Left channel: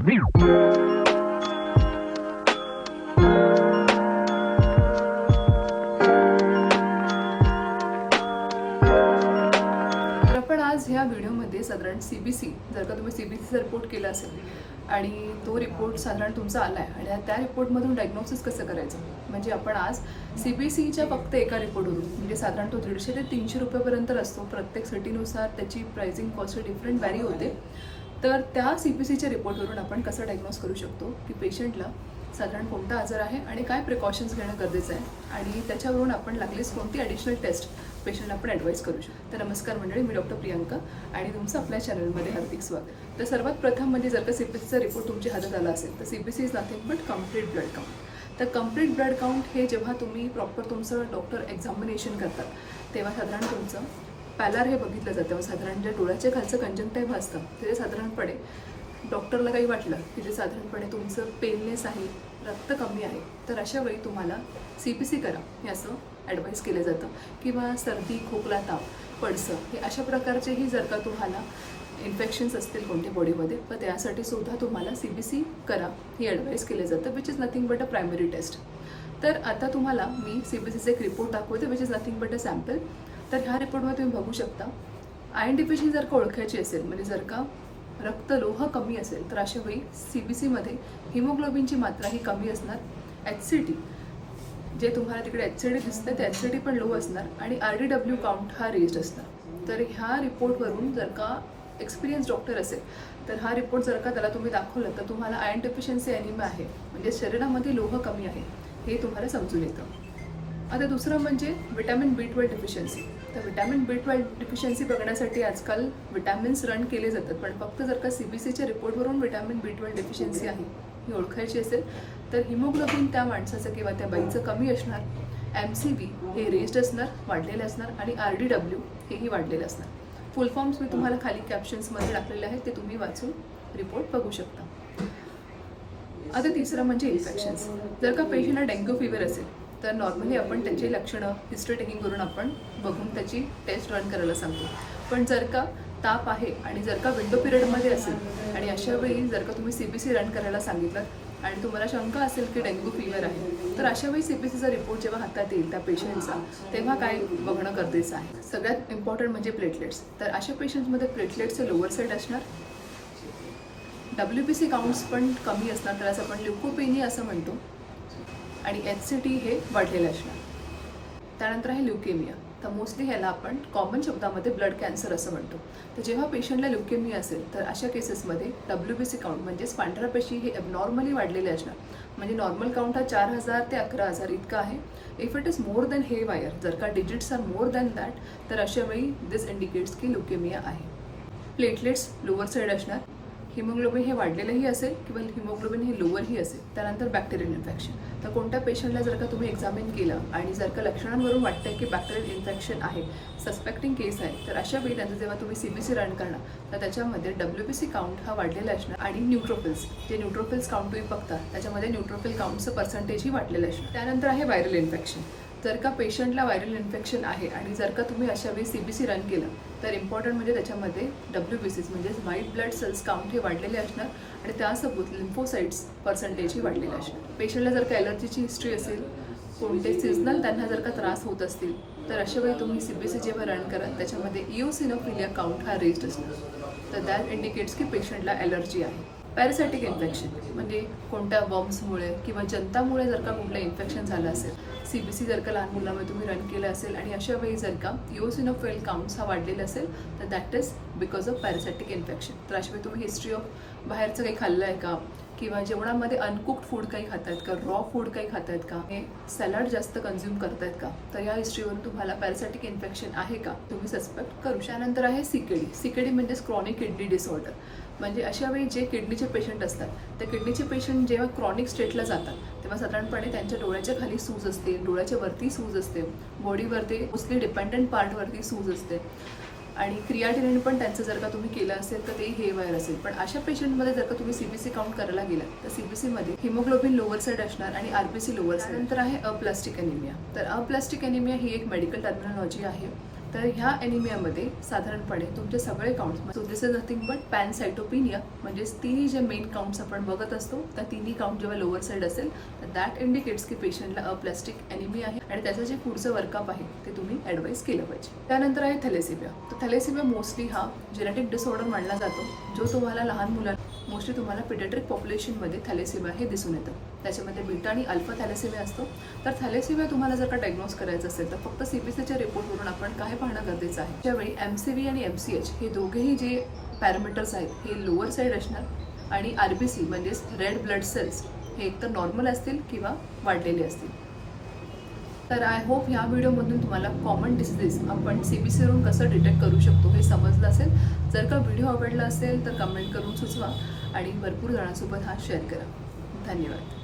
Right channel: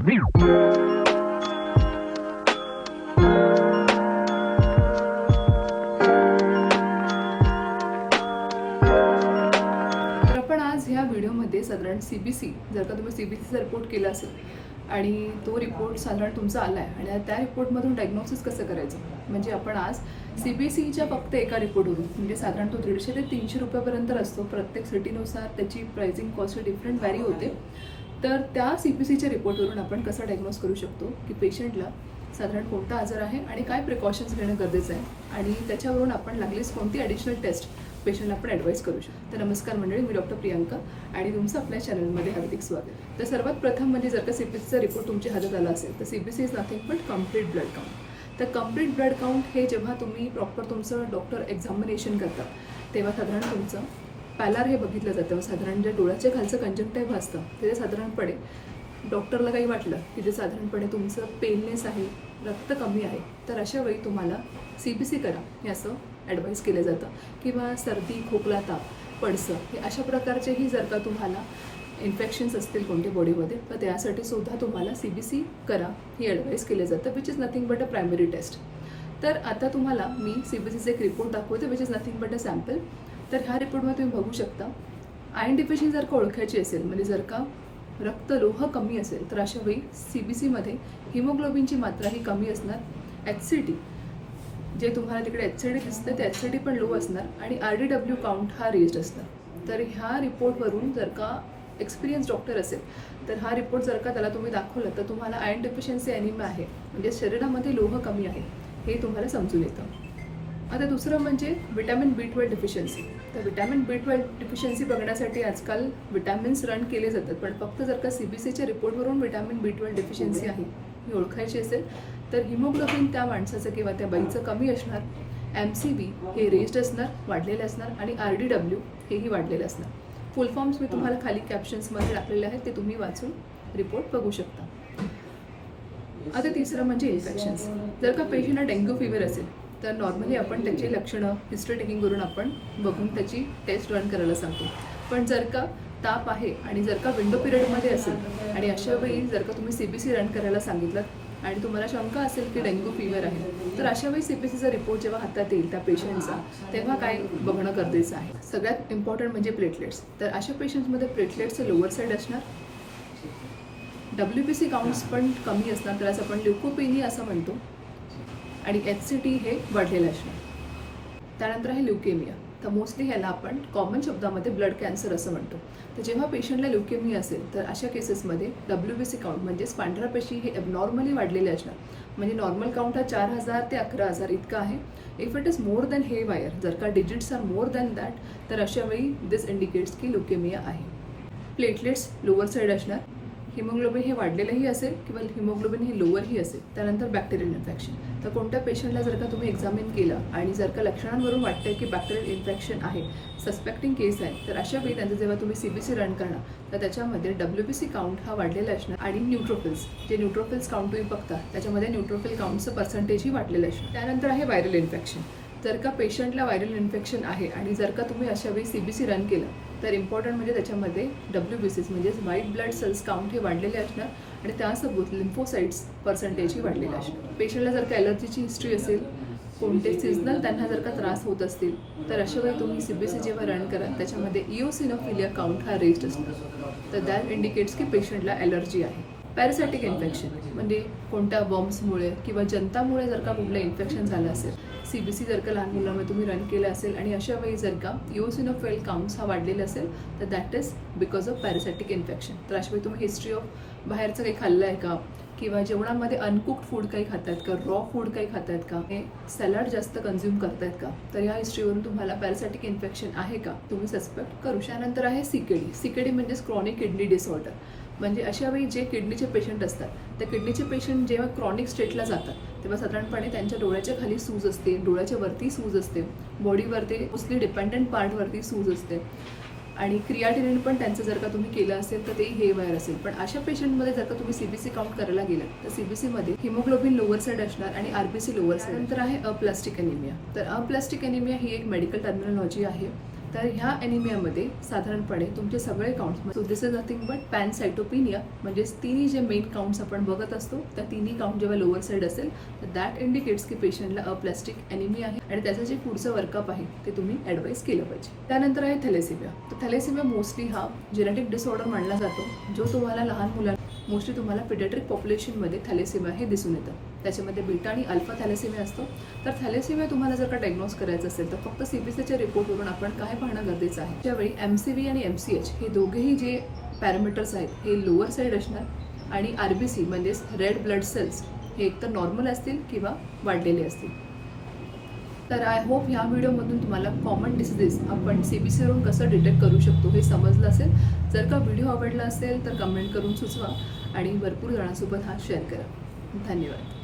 आपण आज ह्या व्हिडिओमध्ये साधारण CBC जर का तुम्ही CBCचा रिपोर्ट केला असेल आणि तो रिपोर्ट साधारण तुमचा आला आहे आणि त्या रिपोर्टमधून डायग्नोसिस कसं करायचं, म्हणजे आपण आज CBCच्या फक्त एका रिपोर्टवरून, म्हणजे साधारण तो 150 ते 300 रुपयापर्यंत असतो. प्रत्येक सिटीनुसार त्याची प्राइसिंग कॉस्ट डिफरंट व्हॅरी होते. तर त्या CBCच्या रिपोर्टवरून आपण कसं डायग्नोस करू शकतो की पेशंटला साधारण कोणता आजार आहे आणि काय प्रिकॉशन्स घेणं गरजेचं आहे आणि त्याच्यावरून आपण लागलीच कोणती ॲडिशनल टेस्ट पेशंटला आपण ॲडवाईस करू शकतो. तर नमस्कार मंडळी, मी डॉक्टर प्रियांका आणि तुमचं आपल्या चॅनलमध्ये हार्दिक स्वागत. तर सर्वात प्रथम म्हणजे जर का CBCचा रिपोर्ट तुमच्या हातात आला असेल तर CBC is nothing but complete blood count. तर कम्प्लीट ब्लड काउंट हे जेव्हा तुम्ही प्रॉपर तुमचं डॉक्टर एक्झामिनेशन करतात तेव्हा साधारण तुमचं पॅलार हे बघितलं जातं. साधारण ज्या डोळ्याच्या खालचं कंजक्टिव्ह असतं ते साधारणपणे डॉक्टरला काही वाटलं की जे साधारणपणे तुमचं पेलनेस आहे, रक्त कमी आहे, तर अशा वेळी तुम्हाला CBC करा हे असं ॲडवाईस केलं जातं. किंवा सर्दी, खोकला, ताप, पडसं हे अशा प्रकारचेही जर का तुम्हाला इन्फेक्शन्स असतील कोणत्या बॉडीमध्ये तर त्यासाठी सुद्धा तुम्हाला CBC करा ही ॲडवाईस केलं जातं, which is nothing but a primary test. तर आता तुम्हाला मी CBCचा एक रिपोर्ट दाखवते which is nothing but a sample. तर ह्या रिपोर्टमध्ये तुम्ही बघू शकता आयर्न डिफिशियन्सी जर का ओळखायची असेल, म्हणजे जर का रक्त लोह कमी असेल तर अशा वेळी CBCमध्ये हिमोग्लोबिनची मात्रा ही कमी असणार. HCT जे तुम्हाला तिकडे HCD दिसतं ते HCD पण लो असणार आणि RDW काउंट हा रेज्ड असणार. तर ह्या रिपोर्टवरून जर का एक्सपिरियन्स डॉक्टर असेल तर हा रिपोर्ट जर का त्याला तुम्ही दाखवलं तर तुम्हाला आयर्न डेफिशियन्सी ॲनिमिया आहे, म्हणजे शरीरामध्ये लोह कमी आहे हे तुम्हाला समजून येतं. आता दुसरं म्हणजे विटॅमिन B12 डिफिशियन्सी. तर विटॅमिन B12 डिफिशियन्सी बघण्यासाठी आजकाल विटॅमिन्स रन केले जातात, पण फक्त जर का CBCच्या रिपोर्टवरून विटॅमिन B12 डिफिशियन्सी आहे ही ओळखायची असेल तर हिमोग्लोबिन त्या माणसाचं किंवा त्या बाईचं कमी असणार, MCV हे रेज्ड असणार, वाढलेले असणार आणि RDW हेही वाढलेलं असणार. फुल फॉर्म्स मी तुम्हाला खाली कॅप्शन्समध्ये टाकलेले आहेत, ते तुम्ही वाचून रिपोर्ट बघू शकता. आता तिसरं म्हणजे इन्फेक्शन्स. जर का पेशंटला डेंग्यू फीवर असेल तर नॉर्मली आपण त्याची लक्षणं हिस्ट्री टेकिंग करून आपण बघून त्याची टेस्ट रन करायला सांगतो. पण जर का ताप आहे आणि जर का विंडो पिरियडमध्ये असेल आणि अशा वेळी जर का तुम्ही CBC रन करायला सांगितलं आणि तुम्हाला शंका असेल की डेंग्यू फीवर आहे तर अशा वेळी CBCचा रिपोर्ट जेव्हा हातात येईल त्या पेशंटचा तेव्हा काय बघणं गरजेचं आहे. सगळ्यात इम्पॉर्टंट म्हणजे प्लेटलेट्स. तर अशा पेशंट्समध्ये प्लेटलेट्सचे लोअर साईड असणार, WBC काउंट्स पण कमी असणार, त्यालाच आपण ल्युकोपेनिया असं म्हणतो, आणि HCT हे वाढलेलं असणार. त्यानंतर आहे ल्युकेमिया. तर मोस्टली ह्याला आपण कॉमन शब्दामध्ये ब्लड कॅन्सर असं म्हणतो. तर जेव्हा पेशंटला ल्युकेमिया असेल तर अशा केसेसमध्ये WBC काउंट म्हणजेच पांढऱ्या पेशी हे ॲबनॉर्मली वाढलेले असणार. म्हणजे नॉर्मल काउंट हा 4000 ते 11000 इतका आहे. If it is more than हे वायर, जर का digits are more than that तर अशा वेळी दिस इंडिकेट्स की ल्युकेमिया आहे. प्लेटलेट्स लोअर साईड असणार, हिमोग्लोबिन हे वाढलेलंही असेल किंवा हिमोग्लोबिन हे लोअरही असेल. त्यानंतर बॅक्टेरियल इन्फेक्शन. तर कोणत्या पेशंटला जर का तुम्ही एक्झामिन केलं आणि जर का लक्षणांवरून वाटतंय की बॅक्टेरियल इन्फेक्शन आहे, सस्पेक्टिंग केस आहे, तर अशा वेळी त्यांचं जेव्हा तुम्ही CBC रन करणार तर त्याच्यामध्ये WBC काउंट हा वाढलेला असणार आणि न्यूट्रोफिल्स, जे न्यूट्रोफिल्स काउंट तुम्ही बघता त्याच्यामध्ये न्यूट्रोफिल काउंटचं पर्सेंटेजही वाढलेलं असणार. त्यानंतर आहे व्हायरल इन्फेक्शन. जर का पेशंटला व्हायरल इन्फेक्शन आहे आणि जर का तुम्ही अशा वेळी CBC रन केलं तर इम्पॉर्टंट म्हणजे त्याच्यामध्ये WBCs म्हणजेच व्हाईट ब्लड सेल्स काउंट हे वाढलेले असणार आणि त्यासोबत लिम्फोसाइट्स पर्सेंटेजही वाढलेले असणार. पेशंटला जर का ॲलर्जीची हिस्ट्री असेल, कोणते सिजनल त्यांना जर का त्रास होत असतील तर अशा वेळी तुम्ही CBC जेव्हा रन कराल त्याच्यामध्ये इओसिनोफिलिया काउंट हा रेज्ड असणार. तर दॅट इंडिकेट्स की पेशंटला ॲलर्जी आहे. पॅरासायटिक इन्फेक्शन म्हणजे कोणत्या वर्म्समुळे किंवा जंतामुळे जर का कुठलं इन्फेक्शन झालं असेल, CBC जर का लहान मुलांमध्ये तुम्ही रन केलं असेल आणि अशा वेळी जर का इओसिनोफिल काउंट्स हा वाढलेला असेल तर that is because of parasitic infection. तर अशा वेळी तुम्ही हिस्ट्री ऑफ बाहेरचं काही खाल्लं आहे का किंवा जेवणामध्ये अनकुक्ड फूड काही खातात का, रॉ फूड काही खातात का, हे सॅलड जास्त कन्झ्युम करतायत का, तर या हिस्ट्रीवरून तुम्हाला पॅरासायटिक इन्फेक्शन आहे का तुम्ही सस्पेक्ट करू. त्यानंतर आहे CKD म्हणजेच क्रॉनिक किडनी डिसऑर्डर. म्हणजे अशा वेळी जे किडनीचे पेशंट असतात त्या किडनीचे पेशंट जेव्हा क्रॉनिक स्टेटला जातात तेव्हा साधारणपणे त्यांच्या डोळ्याच्या खाली सूज असते, डोळ्याच्या वरती सूज असते, बॉडीवरती मोस्टली डिपेंडंट पार्टवरती सूज असते आणि क्रियाटिनिन पण त्यांचं जर का तुम्ही केलं असेल तर ते हे वायर असेल. पण अशा पेशंटमध्ये जर का तुम्ही CBC काउंट करायला गेलात तर CBCमध्ये हिमोग्लोबिन लोअर साईड असणार आणि RBC लोअर साईड. नंतर आहे अप्लास्टिक ॲनिमिया. तर अप्लास्टिक ॲनिमिया ही एक मेडिकल टर्मिनॉलॉजी आहे. तर ह्या ॲनिमियामध्ये साधारणपणे तुमचे सगळे counts, so this is nothing but pancytopenia, म्हणजेच तिन्ही जे मेन काउंट्स आपण बघत असतो त्या तिन्ही काउंट जेव्हा लोअर साईड असेल तर दॅट इंडिकेट्स की पेशंटला अप्लास्टिक ॲनिमिया आहे आणि त्याचं जे पुढचं वर्कअप आहे ते तुम्ही ॲडवाईस केलं पाहिजे. त्यानंतर आहे थॅलेसिमिया. तर थॅलेसिमिया मोस्टली हा जेनेटिक डिसऑर्डर मानला जातो, जो तुम्हाला लहान मुलांना मोस्टली तुम्हाला पिडियाट्रिक पॉप्युलेशनमध्ये थॅलेसिमिया हे दिसून येतं. त्याच्यामध्ये बीटा आणि अल्फा थॅलेसिमिया असतो. तर थॅलेसिमिया तुम्हाला जर का डायग्नोज करायचं असेल तर फक्त CBCच्या रिपोर्टवरून आपण काय पाहणं गरजेचं आहे. त्यावेळी MCV आणि MCH हे दोघेही जे पॅरामीटर्स आहेत हे लोअर साईड असणार आणि RBC म्हणजेच रेड ब्लड सेल्स हे एकतर नॉर्मल असतील किंवा वाढलेले असतील. तर आय होप ह्या व्हिडिओमधून तुम्हाला कॉमन डिसीजेस आपण CBCवरून कसं डिटेक्ट करू शकतो हे समजलं असेल. जर का व्हिडिओ आवडला असेल तर कमेंट करून सुचवा आणि भरपूर जणांसोबत हा शेअर करा. धन्यवाद.